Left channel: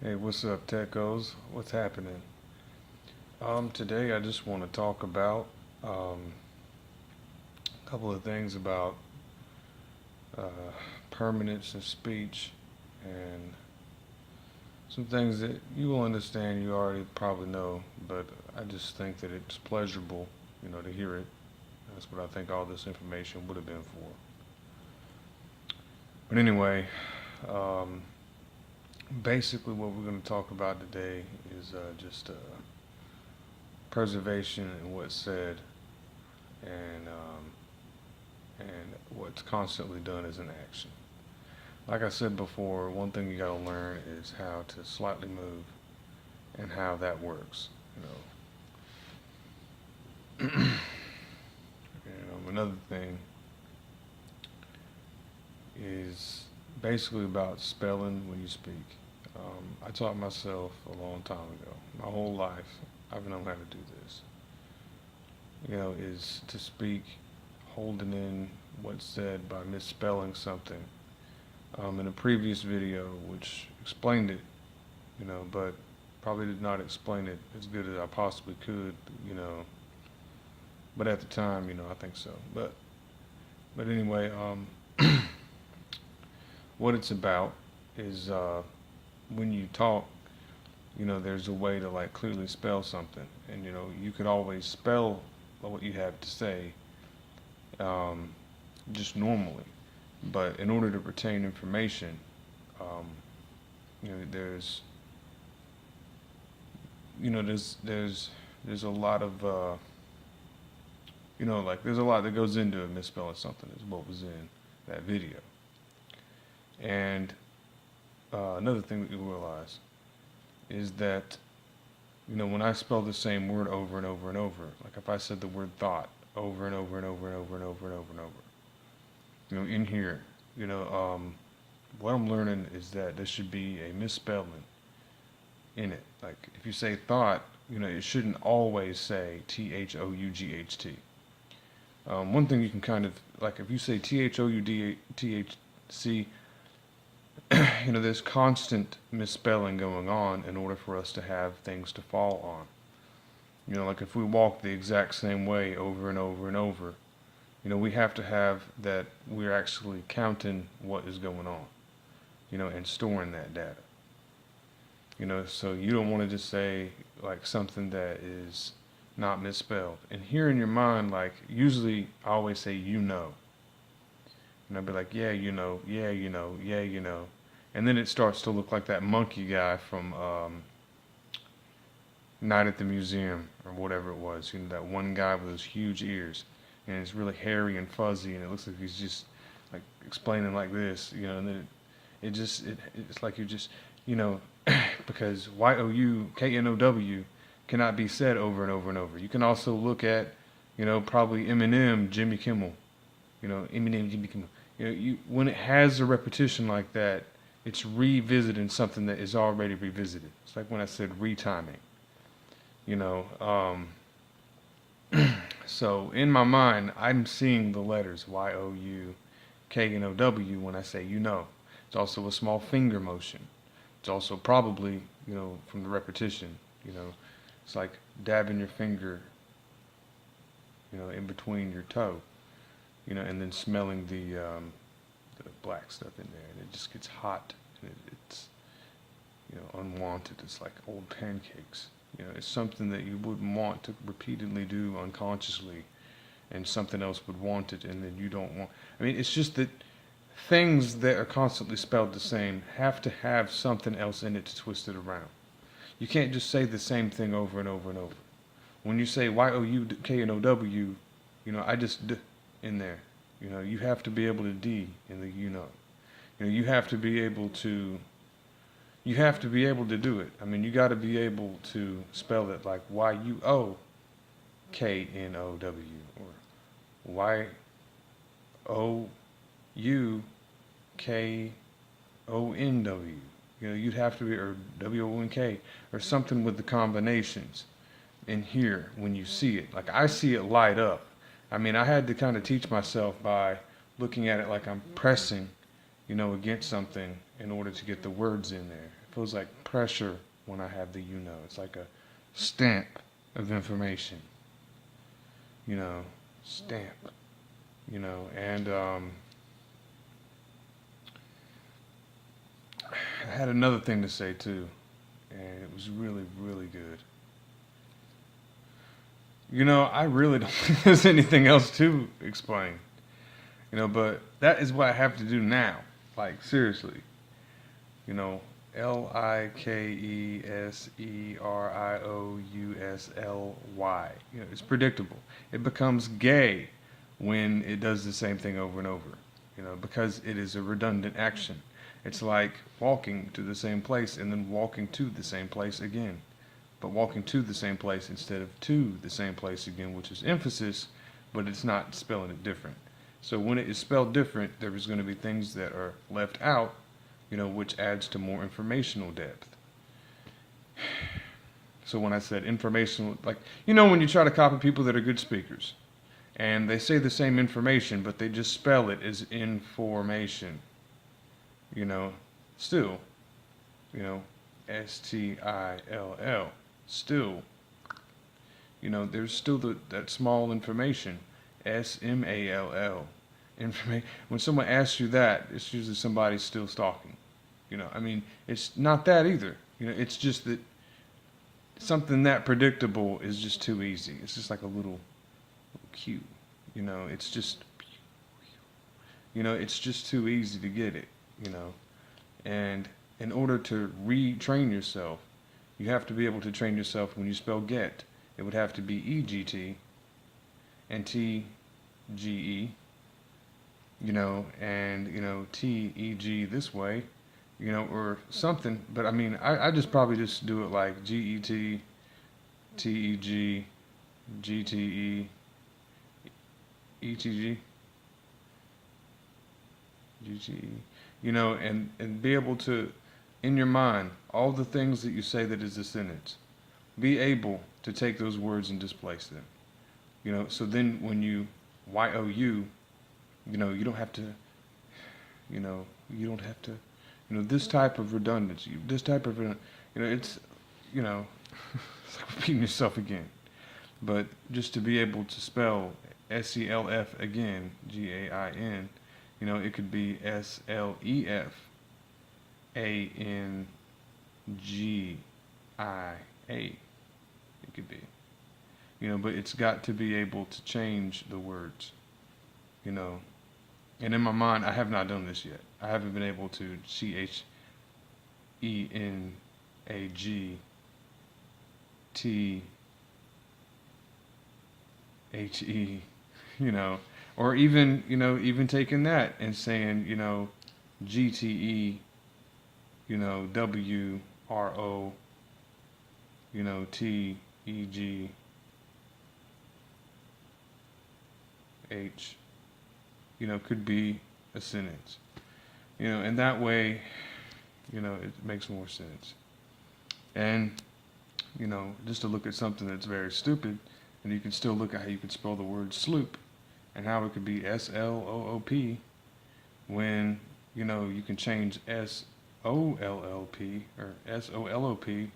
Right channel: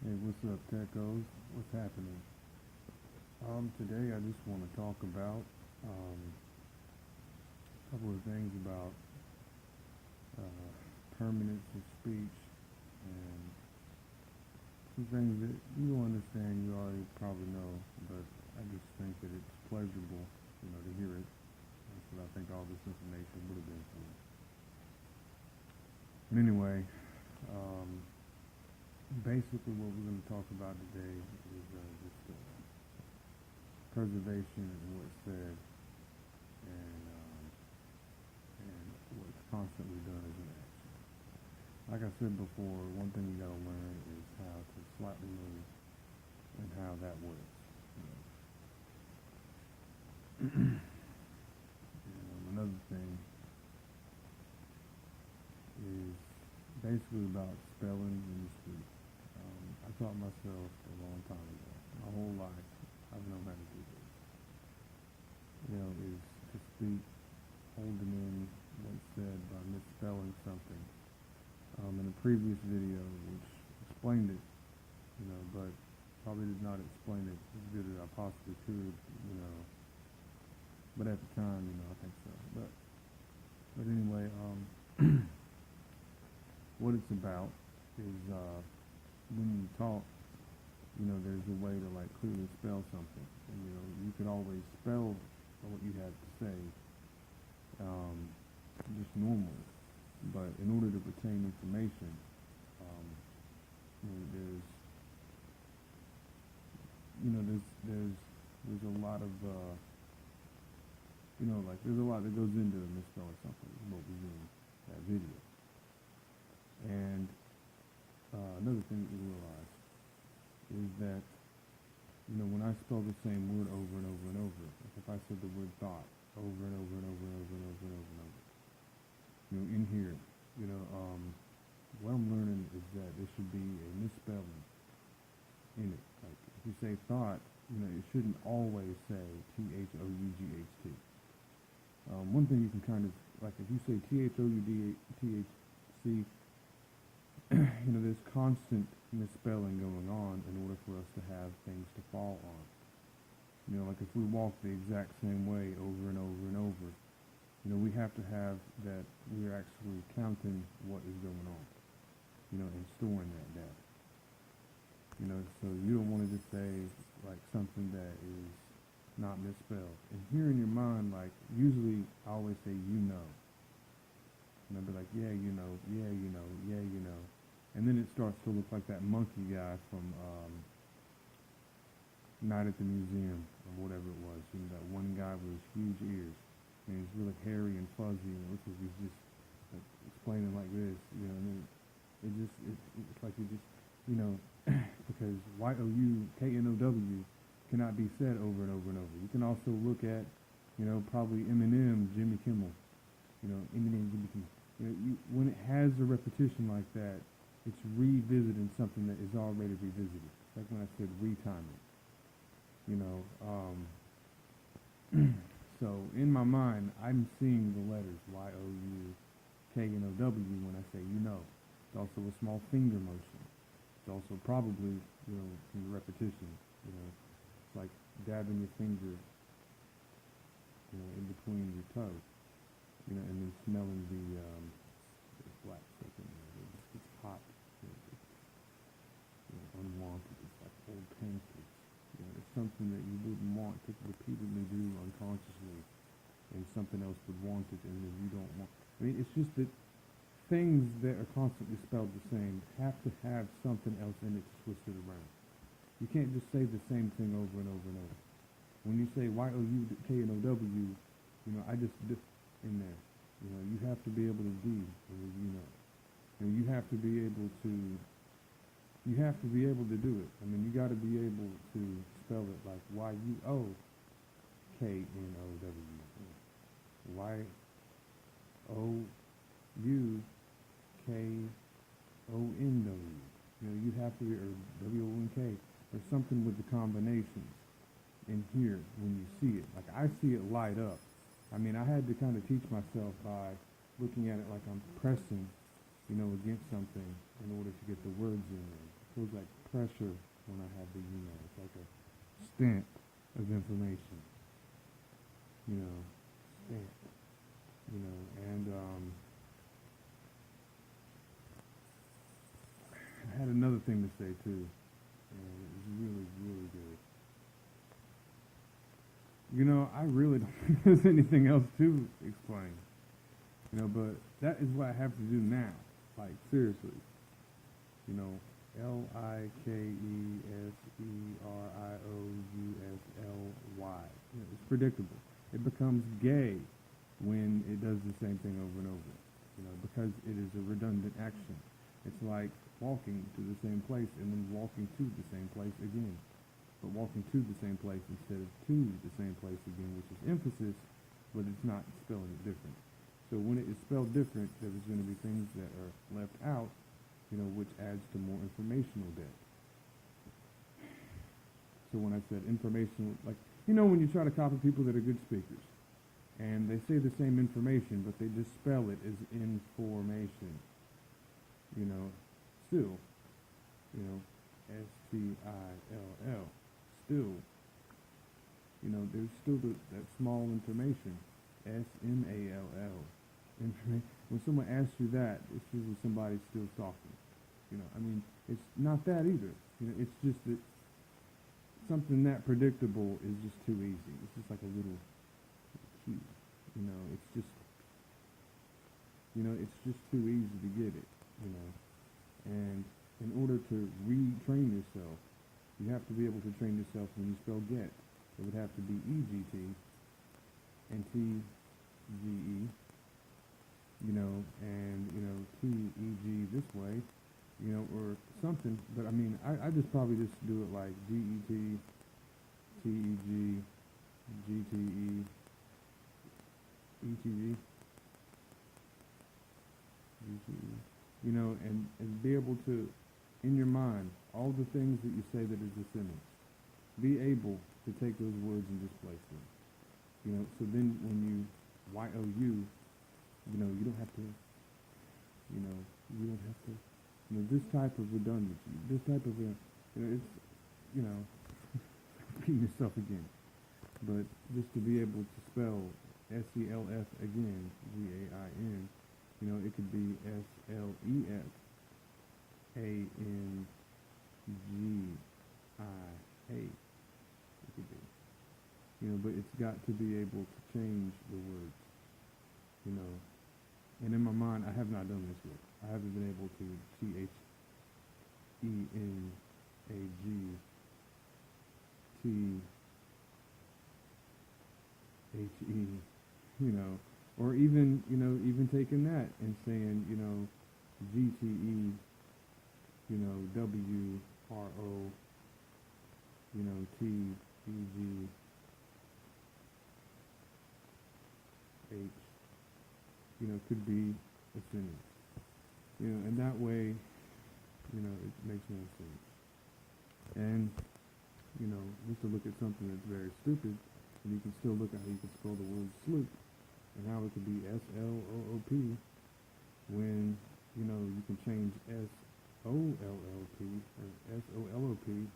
Hey, what's up, Teckos? What's happening? Today I just want to talk about a couple of things about uh, permanence in speech and some things that you will understand you already probably know, but I just think that it's pleasurable, to hear it. That's what I think all this information would have been for. But anyway, um, basically what we're going to talk about today is just preservation and what's said and what's constantly done is an action. Like I said before, one thing you got to learn is how to slightly move and how that works. Another thing is basically about spelling when you speak. I taught myself a long time ago. My whole life, I've known how to do this. Is to speak holding in what's said by misspelling something. In a previous video, which explained it, but probably did not explain it as good as I possibly could, but at the time, I think so. But anyway, what it's about is when you talk, there's a way to like clearly spell something, and you could always spell what you have to say um, just normally. But in order to retain information, um, there's there's a lot of like there's a lot that goes into misspelling something is what was in that video. And another thing that you realize is that when I spell the same word over and over and over, like if I said the word thought over and over and over and over and over and over and over, in here, what I'm learning is that there should be a misspelling in it. Like if you say thought, it shouldn't always say THOUGHT. One thing you can kind of, like if you say THOUDTHC, there's constant misspelling going on in order for us to have things to fall on. Like if we walk the exact same way over and over and over, we have to have that we're actually counting what is going on, and storing that data. So you don't want to just say like something that is not misspelled. And here in your mind, like usually I always say, and I'll be like, yeah, yeah, yeah, and then it starts to look like that monkey guy from Night at the Museum or whatever it was. That one guy with those huge ears, and it's really hairy and fuzzy, and it looks like he's just like explaining like this, and then it's like you just, because YOUKNOW cannot be said over and over and over. You can also look at, probably Eminem, Jimmy Kimmel, Eminem, Jimmy Kimmel. When it has a repetition like that, it's revisiting something that is already revisited. It's like when I said retiming, you know. So in my mind, I'm seeing the letters YOUKNOW when I say It's also a small finger motion. It's also probably, from the repetition, it's like dabbing your finger, in between your toe, and then smelling the black stuff in there, and it just gets hot. And it's, unwanted. It's like old pancakes. It's something that you wouldn't want to repeatedly do unconsciously, and something else would want it, and then you don't want. I mean, it's just that things that are constantly spelled the same have to have something else in it to twist it around. You can't just say the same thing over and over and over. When you say YOUKNOW, I just D in there. You have to be able to D in the you have to be able to. You have to be able to do it. I mean, you got to be able to spell it like YUOKNOW or YOUKONW. You'd have to be, or WONK, or something with the combinations in here when you see it. Like I see it light up. I mean, I had to kind of teach myself by looking at it like I'm pressing, against something in order to get the words in there. feels like pressure when I have the you know. It's like a stamp of information, you know, stamp, you know, and I had another thing to say too, and it was really, really good. You know, I really don't think there's anything else to explain, you know, but that is what I have to do now. Like, seriously, you know, Likeseriosly. You know, it's predictable. It becomes gay when it does the same thing over and over, you know, because it is a redundant action. It's like walking to the same place and then walking to the same place again, but walking to the same place instead of to the same place again, which is emphasis, but it's not spelling it different. So when it is spelled different, there is going to be things that are left out, you know, which adds to more informational depth. So when I said informational, like, you know, when you try to copy people that are good speakers, and they say the same information, but they just spell it as information, you know, still, you know, Still, still, you know, there's still that small information, Small, information. When someone asks you that, it's usually somebody still stalking. You know, I mean, it's not that either. You know, it's just that something that predictable is just too easy. It's just like a little cue. You know, it's just, you know, it's just too easy to get it. You know, and in order to retrain yourself, you have to be able to train yourself when you spell get. It would have to be EGT and TGE, you know, and, you know, TEG this way, you know, or something. But I mean, I just probably just do it like GET, TEG, GTE, ETG, GTE, you know, and be able to, in your mind, all the things that you say that is a sentence, be able to take those words and displace them. You know, so then when you YOU, you know, you don't have to, you know, you know, this type of redundancy, this type of, you know, it's, you know, it's like repeating yourself again. But just to be able to spell SELF again, GAIN, you know, it could be SLEF ANGIA. It could be, you know, but it's got to be able to change the words, you know. And in my mind, I have not done this yet. I haven't been able to CHENAGTHE, you know, or even, you know, even taking that and saying, you know, GTE, you know, WRO, you know, TEGH, you know, could be a sentence, you know, and that way, you know, it makes more sense. And, you know, just to look at something that's very stupid, and you can still look at how you could spell the word sloop, and how it could be SLOOP, when, you know, you can change SOLLP or SOLOP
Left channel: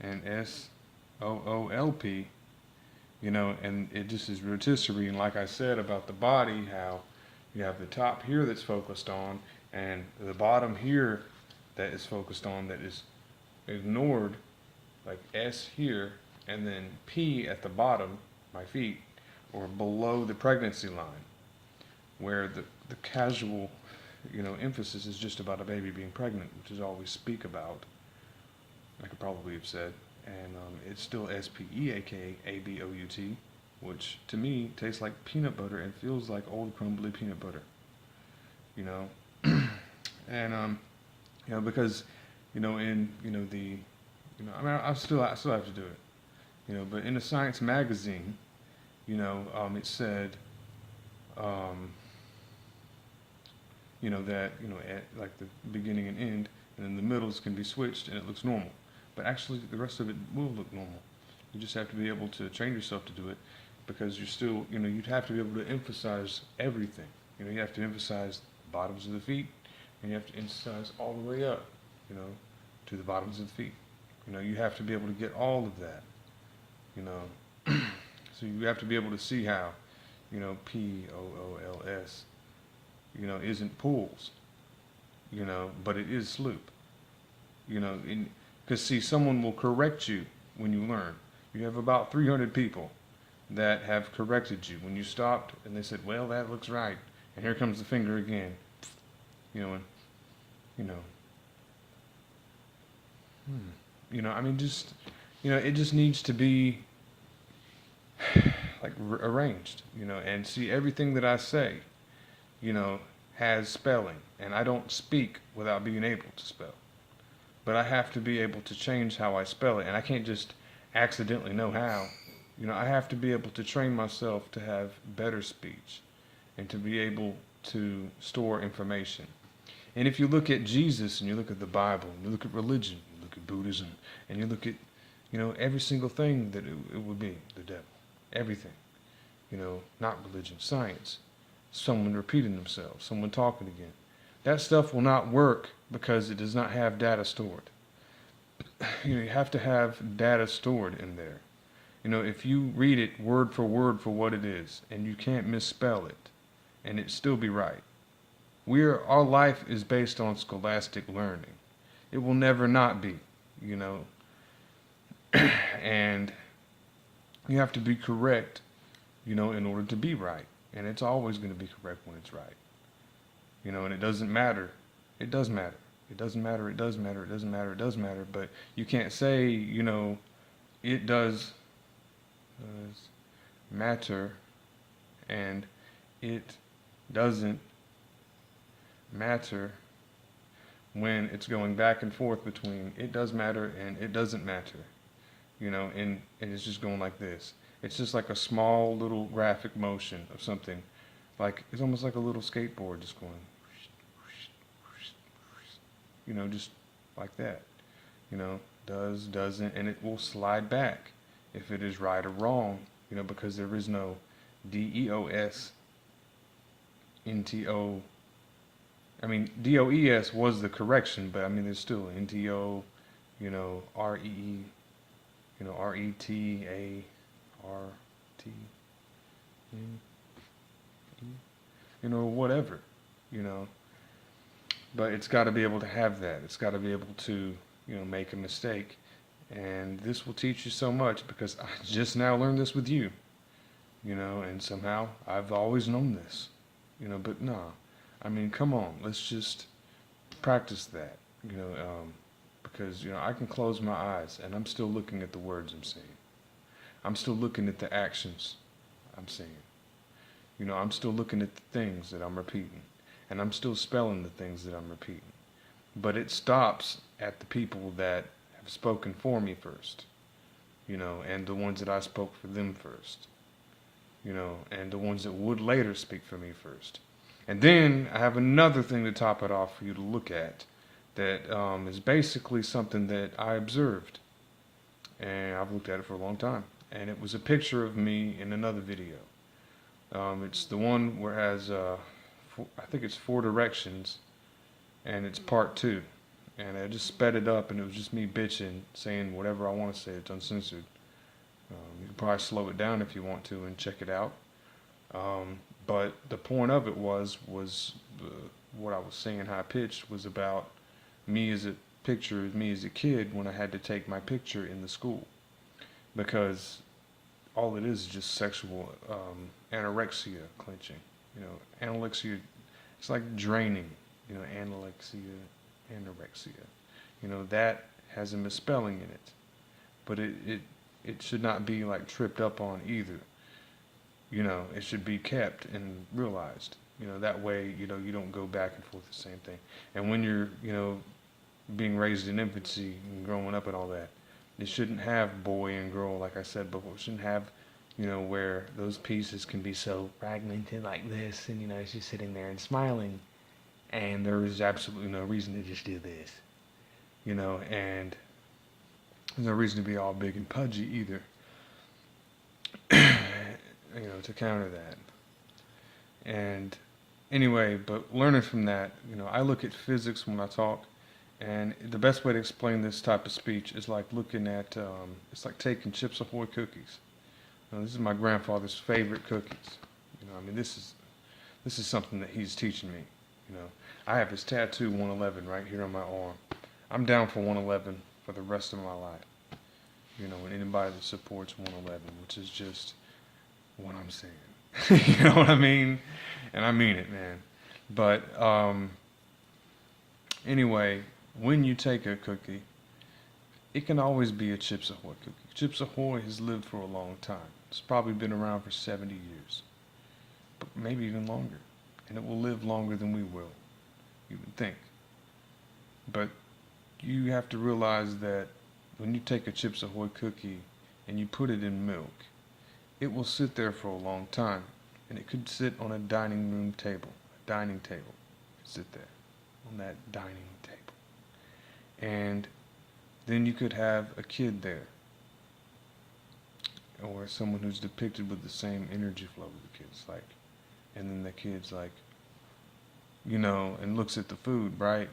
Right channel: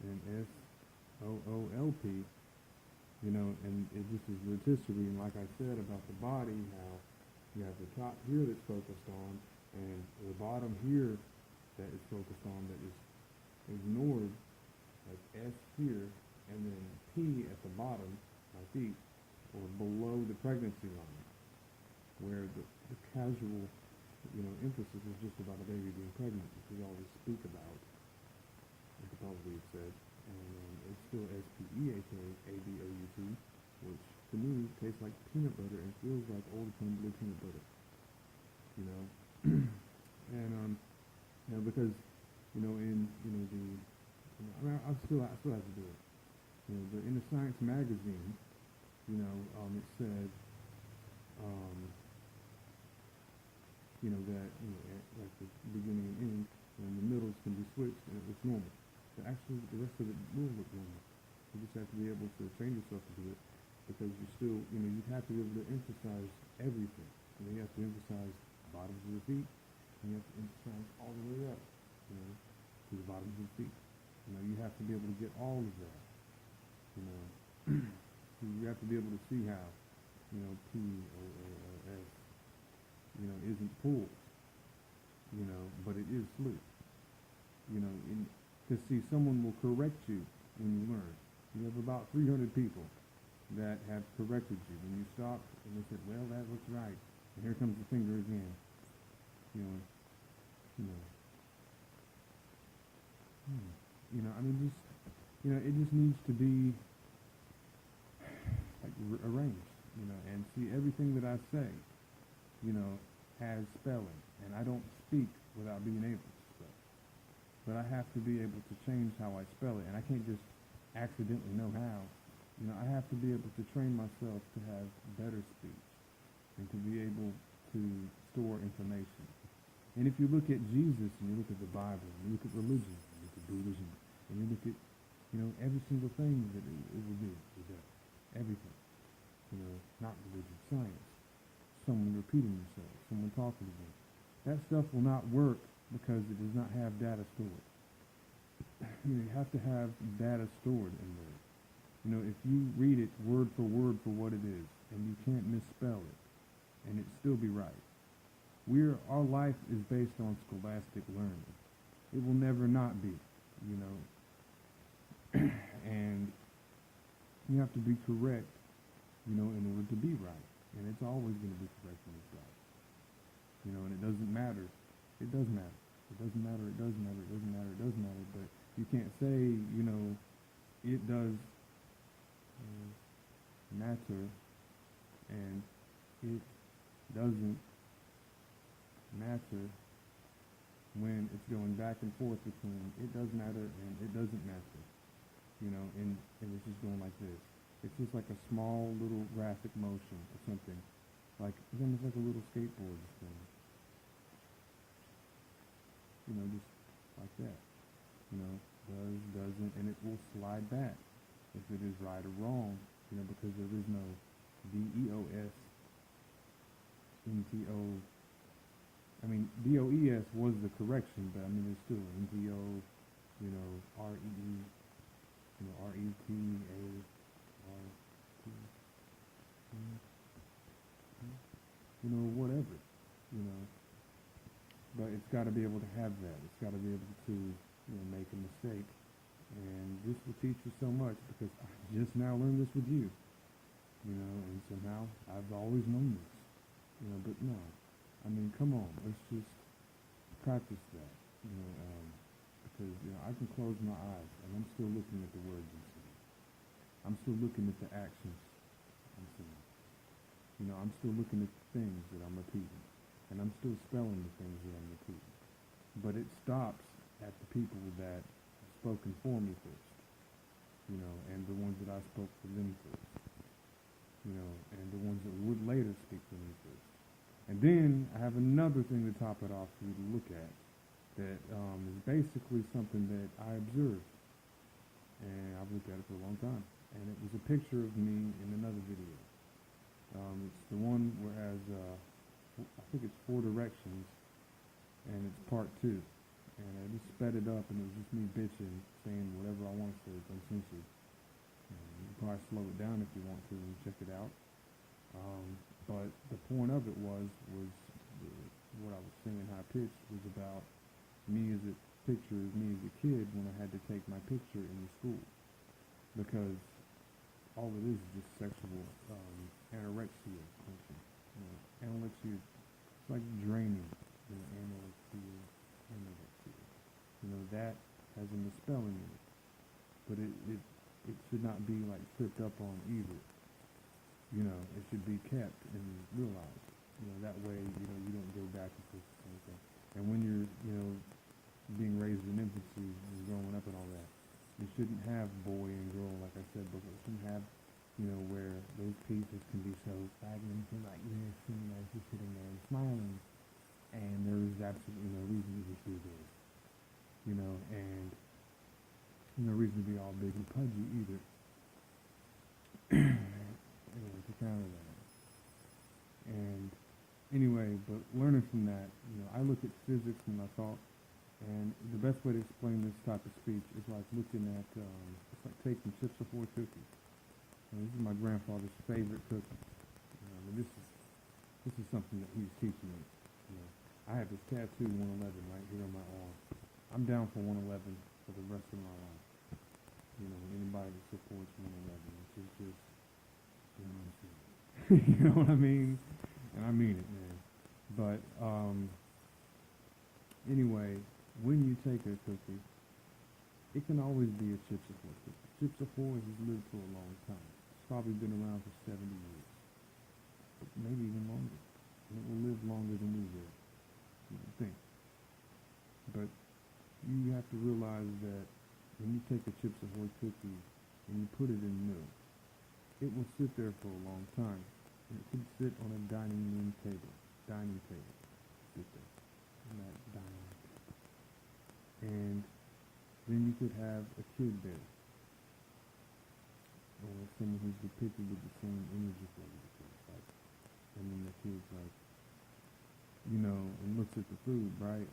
and SOOLP, you know, and it just is rotisserie. And like I said about the body, how you have the top here that's focused on, and the bottom here that is focused on that is ignored, like S here, and then P at the bottom, my feet, or below the pregnancy line, where the casual, you know, emphasis is just about a baby being pregnant, which is all we speak about. I could probably have said, and it's still SPEAKABOUT, which to me tastes like peanut butter and feels like old crumbly peanut butter, you know. And you know, because, you know, in, you know, the, you know, I mean, I still have to do it, you know, but in a science magazine, you know, it said, you know, that, you know, at like the beginning and end, and then the middles can be switched and it looks normal. But actually, the rest of it will look normal. You just have to be able to train yourself to do it, because you're still, you know, you'd have to be able to emphasize everything. You know, you have to emphasize the bottoms of the feet, and you have to emphasize all the way up, you know, to the bottoms of the feet. You know, you have to be able to get all of that. You know, so you have to be able to see how, you know, POOLS, you know, isn't pools, you know, but it is sloop. You know, because see, someone will correct you when you learn. You have about 300 people that have corrected you when you stopped, and they said, "Well, that looks right," and here comes the finger again. You know, and you know, you know. I mean, just you know, it just needs to be like arranged. You know, and see everything that I say, you know, has spelling, and I don't speak without being able to spell. But I have to be able to change how I spell it, and I can't just accidentally know how. You know, I have to be able to train myself to have better speech and to be able to store information. And if you look at Jesus and you look at the Bible, and you look at religion, you look at Buddhism, and you look at, you know, every single thing that it would be, the devil, everything, you know, not religion, science, someone repeating themselves, someone talking again. That stuff will not work because it does not have data stored. You know, you have to have data stored in there. You know, if you read it word for what it is, and you can't misspell it, and it still be right. Our life is based on scholastic learning. It will never not be, you know. And you have to be correct, you know, in order to be right. And it's always going to be correct when it's right. You know, and it doesn't matter. It does matter. It doesn't matter, it does matter, it doesn't matter, it does matter. But you can't say, you know, it does matter and it doesn't matter when it's going back and forth between it does matter and it doesn't matter. You know, and it's just going like this. It's just like a small little graphic motion of something. Like, it's almost like a little skateboard just going, you know, just like that. You know, does, doesn't, and it will slide back if it is right or wrong, you know, because there is no DEOS, NTO. I mean, DOES was the correction, but I mean, there's still NTO, you know, REE, you know, RETA, RT, you know, whatever, you know. But it's got to be able to have that. It's got to be able to, you know, make a mistake. And this will teach you so much because I just now learned this with you, you know, and somehow I've always known this, you know, but no. I mean, come on, let's just practice that, you know, because, you know, I can close my eyes and I'm still looking at the words I'm saying. I'm still looking at the actions I'm saying. You know, I'm still looking at the things that I'm repeating. And I'm still spelling the things that I'm repeating. But it stops at the people that have spoken for me first, you know, and the ones that I spoke for them first, you know, and the ones that would later speak for me first. And then I have another thing to top it off for you to look at that is basically something that I observed. And I've looked at it for a long time. And it was a picture of me in another video. It's the one where it has, I think it's 4 directions, and it's part 2. And I just sped it up, and it was just me bitching, saying whatever I want to say. It's uncensored. You can probably slow it down if you want to and check it out. But the point of it was what I was saying, high pitched, was about me as a picture of me as a kid when I had to take my picture in the school, because all it is just sexual anorexia clenching. You know, anorexia, it's like draining. You know, anorexia. You know, that has a misspelling in it, but it should not be like tripped up on either. You know, it should be kept and realized. You know, that way, you know, you don't go back and forth the same thing. And when you're, you know, being raised in infancy and growing up and all that, it shouldn't have boy and girl, like I said before. It shouldn't have, you know, where those pieces can be so fragmented like this, and, you know, she's sitting there and smiling, and there is absolutely no reason to just do this, you know, and there's no reason to be all big and pudgy either, you know, to counter that. And anyway, but learning from that, you know, I look at physics when I talk, And the best way to explain this type of speech is like looking at, it's like taking Chips Ahoy cookies. This is my grandfather's favorite cookies. I mean, this is something that he's teaching me. You know, I have his tattoo 111 right here on my arm. I'm down for 111 for the rest of my life. And anybody that supports 111, which is just what I'm saying. You know what I mean? And I mean it, man. But anyway, when you take a cookie, it can always be a Chips Ahoy cookie. Chips Ahoy has lived for a long time. It's probably been around for 70 years, but maybe even longer. And it will live longer than we will, you would think. But you have to realize that when you take a Chips Ahoy cookie and you put it in milk, it will sit there for a long time. And it could sit on a dining room table, sit there on that dining table. And then you could have a kid there, or someone who's depicted with the same energy flow with the kids, like, and then the kid's like, and looks at the food, right?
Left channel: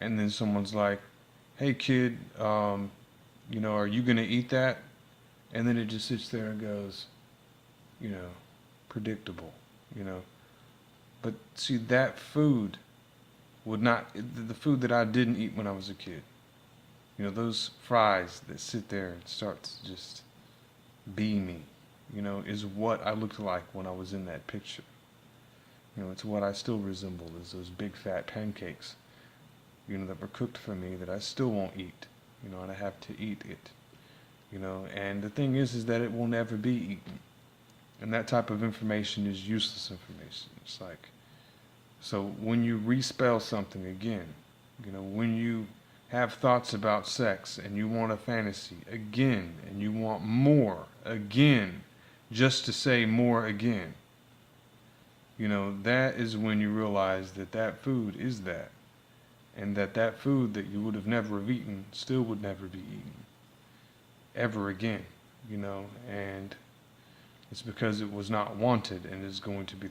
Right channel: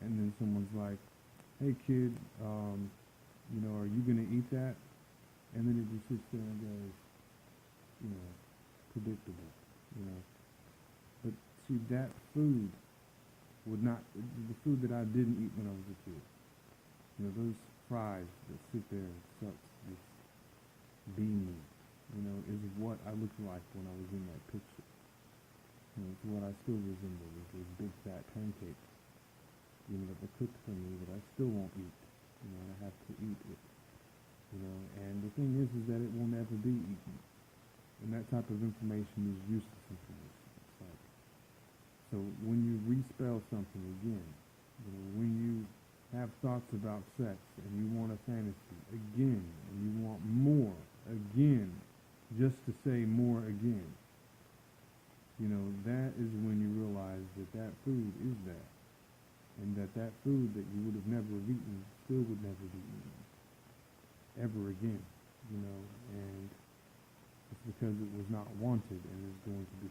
And then someone's like, hey kid, are you gonna eat that? And then it just sits there and goes, predictable, But see, that food would not, the food that I didn't eat when I was a kid, those fries that sit there and start to just be me, is what I looked like when I was in that picture. It's what I still resemble, is those big fat pancakes, that were cooked for me that I still won't eat, and I have to eat it, and the thing is that it will never be eaten. And that type of information is useless information. It's like, so when you respell something again, when you have thoughts about sex and you want a fantasy again, and you want more again, just to say more again, that is when you realize that that food is that. And that food that you would have never have eaten still would never be eaten ever again, and it's because it was not wanted and is going to be